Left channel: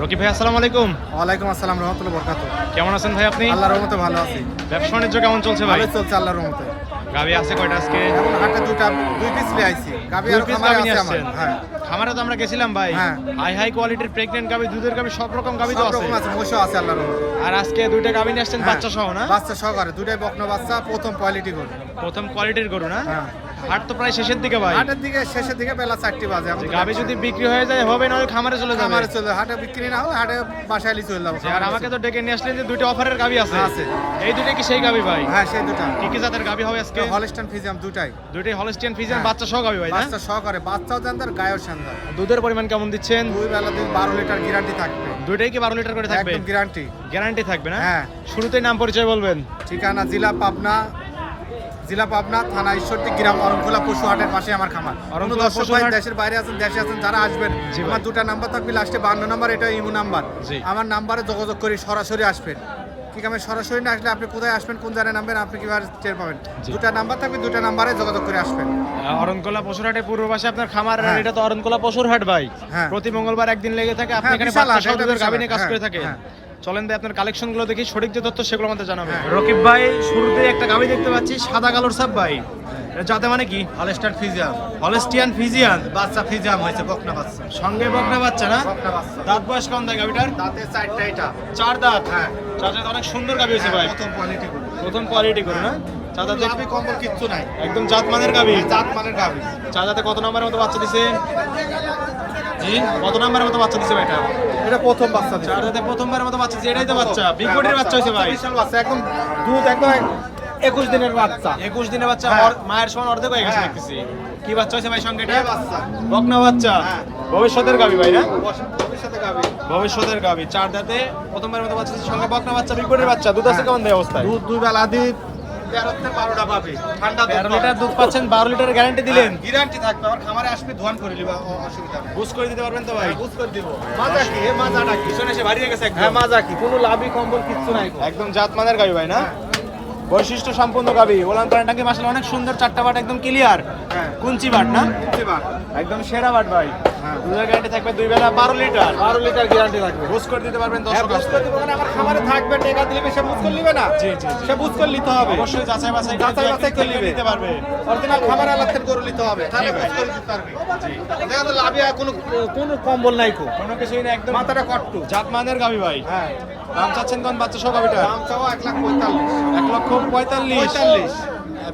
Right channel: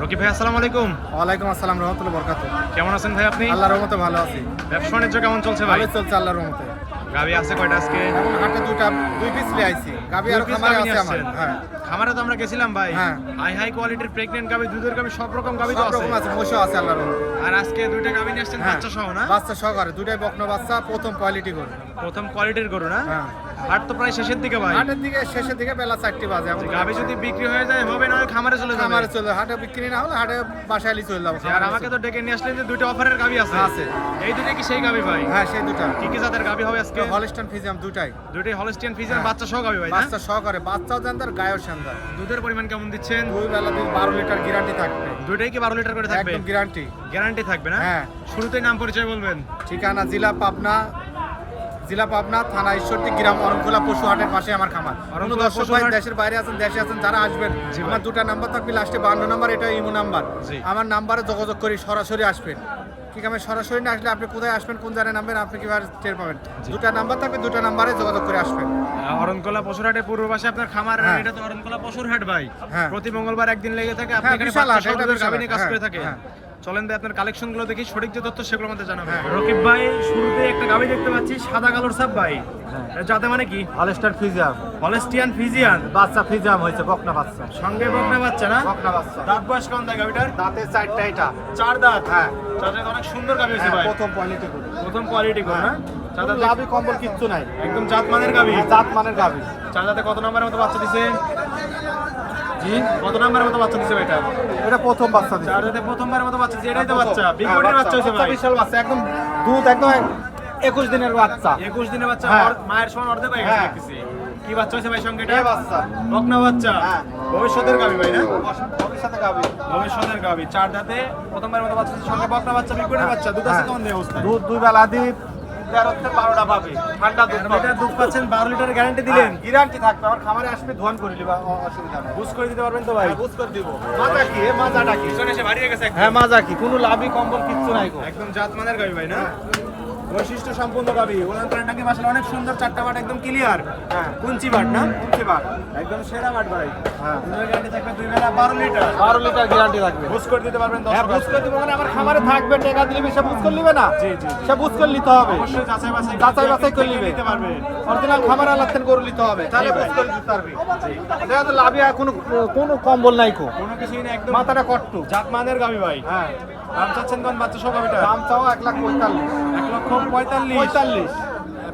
রকিব ভাই আসসালামু আলাইকুম। ওয়ালাইকুম আসসালাম রহমতুল্লাহ বরকাতুহ। কেমন আছেন ভাই আপনি? আল্লাহর রহমতে ভালো আছি। ব্যবসা বাণিজ্য কেমন চলছে ভাই? ভালোই চলছে আল্লাহর রহমতে। গাবি আছে কয়টা আজকে? এখন হাটে দুই পিস নিয়ে আইছি। গাবি আর খামারে আছে আমার। হ্যাঁ। খামারে তো আমরা গেছিলাম ভাই। হ্যাঁ। হাই কোয়ালিটির প্রেগন্যান্ট গাবি, দুধের গাবি, সব রকম গাবি তো সব আছে। রকম আছে, মোষও আছে আল্লাহর রহমতে। আর আজকে দুইটা গাবি নিয়ে আসছেন বাচ্চা সহ না? বাচ্চা সহকারে দুইটাই বকনা বাচ্চা, প্রথম কোয়ালিটি গরু। প্রথম কোয়ালিটির গরু না? হ্যাঁ। হাট তো প্রায় শেষের দিকে ভাই। হাটের দিকে শেষের দিকে বেলা 4টা বাজে। এখন গাবি যদি বিক্রি হয়ে যায় হবে, না খামারে চলে যাবে। খামারে চলে হাটে বিক্রি না হলে হাটে বাসায় চলে যাবো। আর আমাকে তো ডেকে নিয়ে আসলেন যে দুইটা অফারের গাবি আছে। আছে। এই দুটো কি সেই গাবি ভাই? হ্যাঁ সেই দুটো। কি কি জাতের গাবি হবে আজকে? হলস্টাইন ফ্রিজিয়ান দুটাই। দুটোই হলস্টিয়ান ফ্রিজিয়ান হ্যাঁ। বাচ্চা সহ গাবি ভাই না? বাচ্চা সহকারে, বাচ্চাও জানদার গায়েও শানদার। দুধের পরিমাণ কেমন দিচ্ছেন? দুই বেলা 12 লিটার গ্যারান্টি থাকবে। দুইটাই কি 12 লিটার করে থাকবে? একদম গ্যারান্টি। গ্যারান্টি থাকবে না? হ্যাঁ। শুরুতেই নাম পরিচয় বলবেন। ঠিকানা জেলা পাবনা, থানা ঈশ্বরদী, গ্রাম অরণখোলা পশু হাটের পাশে আমার খামার। কোনো দর্শক ভাই দেশের বাইরে আছেন, দেশে আছেন, যারা আসবেন আমার দুটা নাম্বার থাকবে, লাস্টে 52 নাম্বার, এটা ইমো নাম্বার। আমার নাম্বারে যোগাযোগ করি, সরাসরি আসবেন। ঠিক আছে, সরাসরি না আসলে আপনি কোথায় আসবেন, কোন জায়গায় নামবেন, আপনি কিভাবে টের পাবেন? দুটা নাম্বার থাকবে, দুটা নাম্বারে যোগাযোগ করে আসবেন। অরণকোলা পশুর হাটে পূর্ব পাশে আপনার খামার। হ্যাঁ। এটা তো অরণকোলা পশুর হাট ভাই। হ্যাঁ। প্রতি মঙ্গলবার একদিন লেগে থাকে, আপনি হ্যাঁ, এখানে বিশাল বাচ্চা হাট, সহ এটা দুধের গাভী বিশাল নিয়ে কাজ হাট। করে থাকে। হ্যাঁ। চলেন ভাই আপনার কালেকশন গুলো দেখি, সঠিক যে তথ্য সেগুলো আমাদের জানাবেন। হ্যাঁ। রকিব ভাই শুরুতে একটা গাভী দেখতে পাচ্ছি, সাদা কালোর সাপ ভাই। এটা জাতে মানে কি? Holstein Friesian. Holstein Friesian. বাচ্চা ফ্রিজিয়াম হয়েছে, বকনা বাচ্চা। সঙ্গে বকনা বাচ্চা না? বকনা বাচ্চা। দাঁত বয়স কেমন দেয় গাভীটার? দাঁতে 4টা এটা। 4 দাঁত। হ্যাঁ। 4 দাঁত, অনেক সুন্দর গাভী হয়েছে ভাই। প্রথম কোয়ালিটি গরু। প্রথম কোয়ালিটি করো না? 4 দাঁতে গাভী কম্বল কিচ্ছু নাই। একদম জাত মানের গাভী। জাত মানের গাভী। 4 দাঁতে কত নম্বরের মতো বাচ্চা দিছে? জি, কত নম্বরের মতো বাচ্চা দিছে ভাই এটা? এটা প্রথম বাচ্চা দিছে। 4 দাঁতে প্রথমবারের মতো বাচ্চা দিছে, এটাই তো বাচ্চা। বিগ বডির বাচ্চা হইছে ভাই। বিশাল বাচ্চা, একদম দুধ একদম 21 দিনের বাচ্চা। 21 দিনের বাচ্চা। হ্যাঁ। মায়ের সমান অর্ধেক হয়ে গেছে হ্যাঁ। দেখতেছি। কি বাচ্চা হইছে ভাই সঙ্গে এটা? এই বাচ্চা। বকনা বাচ্চা। হ্যাঁ। ভবিষ্যতের গাভী ভাই না? ভবিষ্যতে গাভী। ভবিষ্যতের গাভী। 4 দাঁতে প্রথমবারের মতো বাচ্চা দিছে, সঙ্গে বকনা বাচ্চা, বিগ বডির বাচ্চা। দুধ আছে হ্যাঁ। কেমন দেয় অবস্থায়? দুধ দুই বেলা দিন 13 থেকে 12টা পাবে। ঠান্ডা দুধ 13 লিটার দুধ পাচ্ছেন, 12 লিটারের গ্যারান্টি দিলেন। গ্যারান্টি থাকবে। আমার খামারে আসবে ধোয়ান করে নিবা, অসুবিধা নাই। বুঝ করে দিতে পারবেন তো ভাই? বুঝ করে দিব। মাজা কি? মাজাটা কি? পিছনে এসে বাড়িয়ে গেছে একদম। হ্যাঁ, মাজা কি? কোনো লাভই কম্বল কিচ্ছু নাই। একদম জাত মানের গাভী ভাই না? বৈশিষ্ট্য সম্পূর্ণ গাভী। ওলান পালান টাঙ্কি মাশাআল্লাহ অনেক সুন্দর, 4টা বাট একদম ক্লিয়ার। হ্যাঁ। কুঞ্চি বাট না? এবার একদম সেরা বাট ভাই। হ্যাঁ। দুধের গ্যারান্টি থাকবে 2 বেলা 12 লিটার। 12 লিটার গ্যারান্টি থাকবে। বুঝ করে দিতে পারবেন দর্শক আসলে। আমার খামারে থাকবে, টাকা দিলে সে বুঝ করে নিবে না। জি জি জি। সে বুঝ করে নিতে হবে। অবশ্যই যাচাই বাছাই করে নিবে। নিতে পারবে। অরিজিনাল খামারে আলাদা গরু নিতে হবে। জি ভাই। বুঝ করে দিতে পারবে। জি। এটা তো লাভিয়া কোনো কম্বল নাই কো। কোনো কিছুই না, একদম মাথাটা কট্টু। জাত মানের গাভী ভাই। হ্যাঁ। দাম চাচ্ছেন কোন বাচ্চা সহ গাভীটার? দাম চাও 1,45,000। 1,45,000। 45।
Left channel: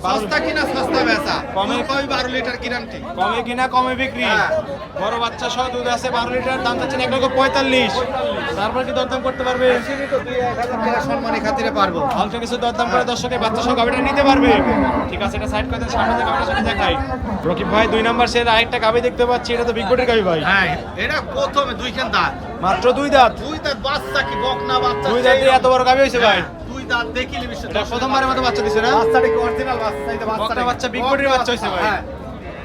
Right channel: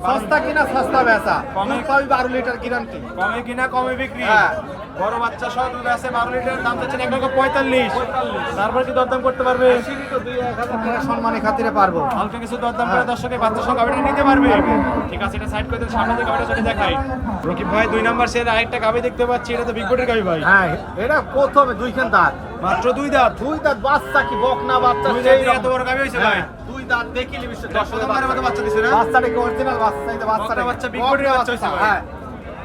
সস্তা কিনা সস্তা বেচা। কমে- পাবি 12 লিটার গ্যারান্টি। কমে কিনা কমে বিক্রি। হ্যাঁ। বড় বাচ্চা সহ দুধ আছে 12 লিটার, দাম চাচ্ছেন 1,45,000। তারপর কি দরদাম করতে পারবে? বেশি তো 2,000 টাকা সম্মানী খাতিরে পারবো। হালকা কিছু দরদাম করে দর্শকে বাচ্চা সহ গাভীটা নিতে পারবে। ঠিক আছে, এটা সাইড করে দেন, সামনে যে গাভীটা সেটা দেখাই। রকিব ভাই 2 নাম্বার সেট আরেকটা গাভী দেখতে পাচ্ছি, এটা তো বিগ বডির গাভী ভাই। হ্যাঁ, এটা প্রথমে দুইখান দাঁত। মাত্র 2 দাঁত। দুই দাঁত বাচ্চা কি বকনা বাচ্চা। 2 দাঁতে এত বড় গাভী হইছে ভাই। হ্যাঁ, দুই দাঁত দেখিলি বিশ্ব। এটা প্রথমবারের মতো বাচ্চা দিছে না? বাচ্চাটা কি অরিজিনাল বাচ্চা? এটা বকনা বাচ্চা, বিগ বডির বাচ্চা হইছে ভাই। হ্যাঁ।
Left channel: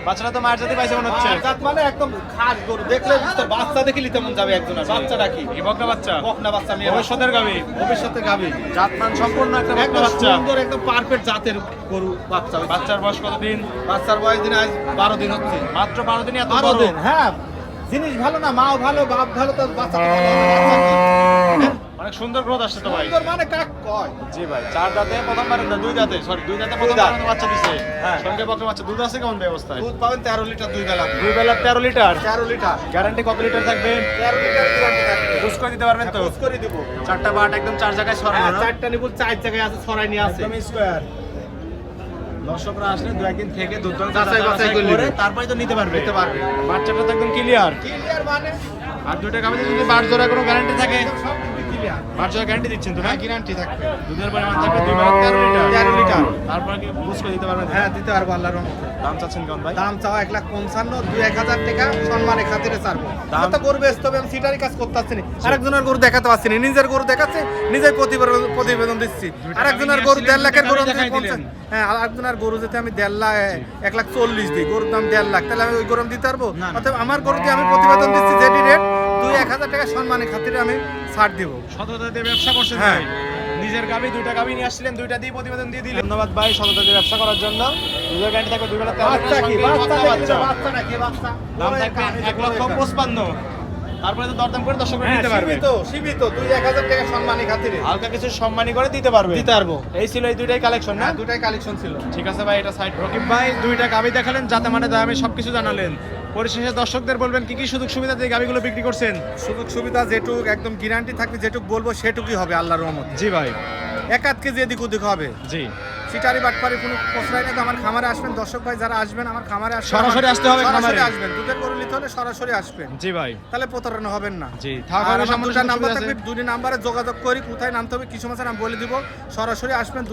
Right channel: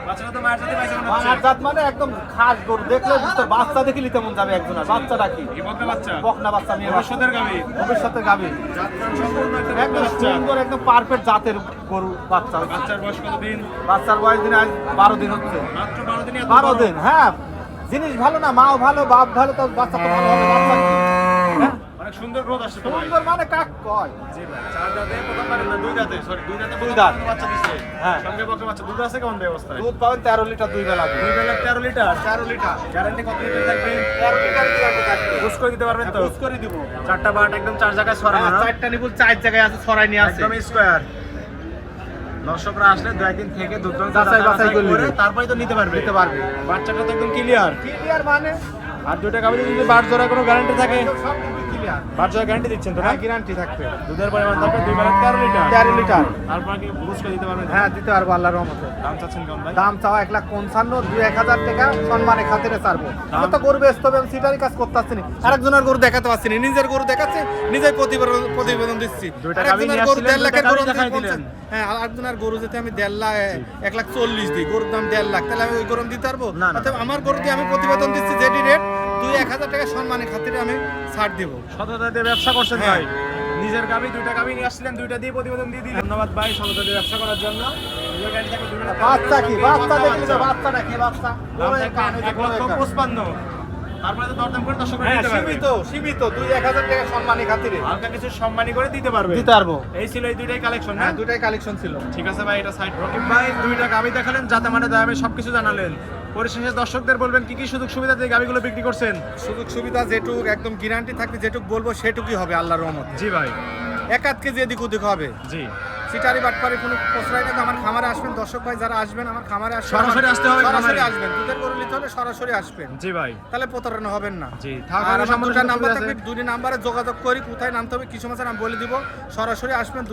বাচ্চাটা তো মায়ের সাথে পাইছে মনে হচ্ছে। মার জাত মানে একদম খাস গরু, দেখলে বুঝতে বাচ্চা দেখিলি তেমন যাবে একজনের। বাচ্চাটা কি? এই বকনা বাচ্চা। বকনা বাচ্চা নিয়ে ভবিষ্যতের গাভী। ভবিষ্যতে গাবে। জাতমান সম্পূর্ণ একটা বকনা একদম বাচ্চা। সুন্দর, একদম পারফেক্ট জাতের গরু বাচ্চা হয়েছে। বাচ্চার বয়স কতদিন? বাচ্চার বয়স দিন আজ 12 দিন হচ্ছে। মাত্র 12 দিনই এত 12 বড়। দিন, হ্যাঁ। জিনিস ভালো না, মাও ভালো, বাপ ভালো, তো বাচ্চা তো ভালো হবে। হ্যাঁ? অনেক সুন্দর গ্রোথ আসছে তো ভাই। সুন্দর মানে কাক কয়। জি ভাই, 4 দাঁতে প্রথমবার না, 2 দাঁতে, সরি 2 দাঁতে প্রথমবার বাচ্চা দিছে। হ্যাঁ। সঙ্গে বকনা বাচ্চা। দুধ আছে কেমন অবস্থায়? দুধ পাবেন 13 লিটার দুই বেলা। 2 বেলা 13 লিটার। 13 লিটার। গ্যারান্টি কত লিটার থাকবে? 13 লিটার গ্যারান্টি থাকবে। বুঝ করে দিতে পারবেন তো? বুঝ করে দিব। 4টা বাট একদম 4 জায়গায় ছড়ানো না? চারটা নিপুল 4 জায়গায় আছে, ছড়াই নিয়ে আছে। একদম স্কয়ার। দর্শকরা আসলে 2 একদিন থেকে দুধ যাচাই বাছাই করে করে নিবে। তারপরে তো নিতে পারবে। নিতে পারবে। বাচ্চাটা তো একদম ক্লিয়ার। ক্লিয়ার মানে আর 2টা গাভীতে যদি বার জোড়া কোনো গ্যারান্টি থাকে? সব ক্লিয়ার। বার জোড়া গ্যারান্টি দিচ্ছেন তো না? গ্যারান্টি থাকবে। দুধের পরিমাণ থাকবে 2 বেলা 13 লিটার। 13 লিটার। তারপর কি বুঝ করে দিতে পারবেন তো? হ্যাঁ, দিতে পারবো আল্লাহর রহমতে। দাম চাচ্ছেন কেমন ভাই? দাম চাও 1,55,000, 2-1,000 টাকা সম্মানে খাতিরে ছাড়বো। দাম- তো গরু বেচতে হবে, আমি সিটারি কাজ করতে পারছি না। আরেকজনের গরু দেখাতে পারছি না, নিজের গরু দেখাচ্ছে, নিজেই প্রতিবেদন দিচ্ছি। দুইটা আরেকজনের গাভী গরু নিয়ে 1.5 লাখের আসছিলেন, গরু দুইটা আমি গাভী দেখাই 50। হ্যাঁ, আরেকজনের গরু যেতে আমি 1.5 লাখ, 1,40,000 দিই, গরুর দাম 1.5 লাখ, তাহলে আমি ওই গরু দিতে পারবো? না, না। অতএব আমার গরু দিয়ে আমি প্রতিবেদন দিচ্ছি যেটি রেট, 2-1,000 টাকা সম্মানে খাতিরে আমি ছাড় দিব। সততা দিয়ে ব্যবসা করছেন হ্যাঁ। ভাই। নিজের গাভী 2টা গাভী নিয়ে আসছিলেন, 2টা দিয়ে প্রতিবেদন দিয়ে দিলেন। ধন্যবাদ ভাই সততা দিয়ে ব্যবসা করার জন্য। নিজের গ্যারান্টি থাকবে 2 বেলা 13 বাচ্চা কি? লিটার। বাচ্চা সঙ্গে দেখলে বাচ্চা। বাচ্চাটা কি? বাচ্চা দাম থাকবে 1,55,000। তারপরে তো দরদাম করে দর্শকরা নিতে পারবে। সীমিত 2-1000 টাকা সম্মানী খাতিরে হালকা কিছু সম্মানী করে দিতে পারবে। দিতে পারবো। এই ছিল এই দুইটাই কালেকশন না? দুটাই কালেকশন ছিল। ঠিক আছে ভাই, এটা সাইড। রকিব ভাই দুইটা গাবি দেখালেন, যাতে মানে দামে সবকিছু জানালেন। পরিশেষে দর্শকদের বলবেন কি কি সুযোগ সুবিধা দিয়ে গাবিগুলো বিক্রি করছেন? সুযোগ সুবিধা যেটুক একদম গ্যারান্টি থাকবে, যেটুক বলবো সেটুকুই হবে আল্লাহর রহমত। জি ভাই। 1-8 কেজি এদিক ওদিক হবে। জি। সিটারি বাটপারি কোনো প্রশ্রয় নেই। আমার খামারে আসবেন, দর্শক ভাই যারা আসবেন আমার খামারে আসবেন, সরাসরি আসতে হবে খামারে। সরাসরি আসবেন। দুধের গরু নিতে হলে সরাসরি আসবেন। জি ভাই। তাহলে প্রতারণা হবেন না। জি। আর আমার দুটো নাম্বার থাকবে, দুটি নাম্বারে যোগাযোগ করি, কোথায় নামতে হবে কিছু মাসে আমি বলে দিব। সরাসরি আসবেন,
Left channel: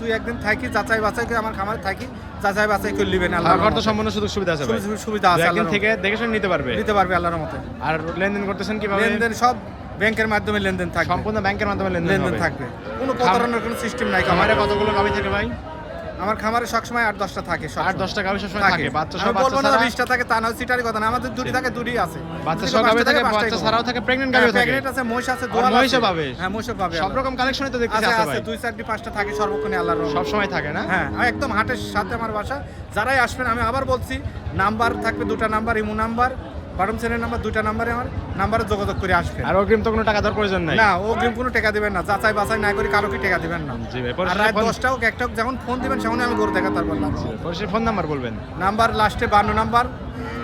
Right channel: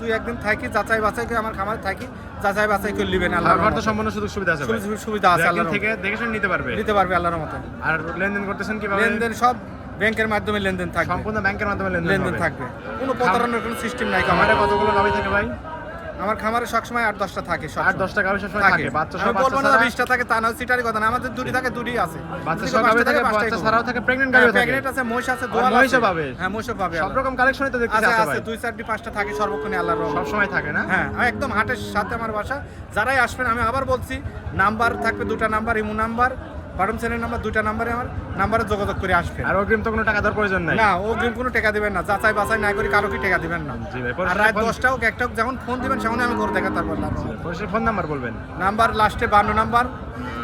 দুই একদিন থাকি, যাচাই বাছাই করে আমার খামারে থাকি, যাচাই বাছাই করে নেবেন। আল্লাহর খাবার তো রহমতে সম্পূর্ণ সুযোগ সুবিধা আছে ভাই। সুবিধা আছে, একদিন আল্লাহর থেকে দেখে শুনে নিতে পারবে। দিতে পারবে আল্লাহর রহমতে। আর লেনদেন করতেছেন কিভাবে? লেনদেন সব ব্যাংকের মাধ্যমে লেনদেন থাকবে। সম্পূর্ণ ব্যাংকের মাধ্যমে লেনদেন লেনদেন হবে। থাকবে, কোনো প্রতারণার কোনো সিস্টেম নাই খামারে খামারে। কতগুলো গাবি থাকে ভাই? আমার খামারে সবসময় 8-10টা থাকে। 8-10টা গাবি সবসময় থাকে। বাচ্চা সহ আমি বলবো না বাচ্চা 20টা থাকে, তা না, সিটারি কথা না। আমাদের দুটি থাকে, দুটি আছে। বাচ্চা যদি সহ গাবি পাঁচটা থাকে, পাঁচটাই বাচ্চা পাবো। ছাড়াও থাকে, প্রেগন্যান্ট গাবিও থাকে। প্রেগনেন্ট আছে, মহিষ আছে, আর দোয়াল মহিষও আছে। পাবে। হ্যাঁ, মহিষও পাবে। সব রকম কালেকশনই তো দেখতে আছে আছে আছে ভাই। 2-4-5টা থাকে সর্বক্ষণে আল্লাহর রহমতে। সব সময় থাকে না? হ্যাঁ, আমি একদম হাটের সাথে আমার বাসা। যারাই আসবেন, আমি আবার বলছি, নাম্বার থাকবে দুটা number, imo number, বাটম channel number, দুইটা নাম্বারে আমার নাম্বারে যোগাযোগ করে আসবেন। আর অগ্রিম তো কোনো টাকা দেওয়ার প্রয়োজন নাই? না, অগ্রিম কোনো টাকা দিবেন না। যাচাই বাছাই না করে কারো কি টাকা দিবেন না। জি ভাই। আর রাত 10টা হোক 1টা হোক, যখন ফোন দিবেন সেখানে আমি করে দেখাতে পারবো আল্লাহর রহমতে। পরিশেষে ফোন নাম্বার বলবেন। নাম্বার লাস্টে 52 নাম্বার,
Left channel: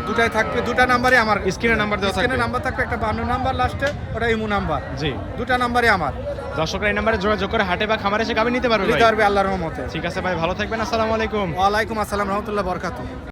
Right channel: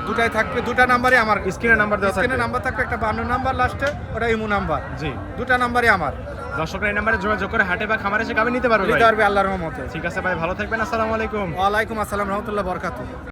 দুটাই থাকবে। দুটা নাম্বারই আমার। স্ক্রিনে নাম্বার দেওয়া থাকবে। স্ক্রিনে নাম্বার থাকবে, একটা 52 নাম্বার লাস্টে, ওটা ইমো নাম্বার। জি। দুটা নাম্বারই আমার। দর্শকরা এই নাম্বারে যোগাযোগ করে হাটে বা খামারে এসে গাবি নিতে পারবে ভাই। নিতে পারবে আল্লাহর রহমতে। ঠিক আছে ভাই, ভালো থাকবেন। আসসালামু আলাইকুম। ওয়ালাইকুম আসসালাম রহমতুল্লাহ বরকাতুহু।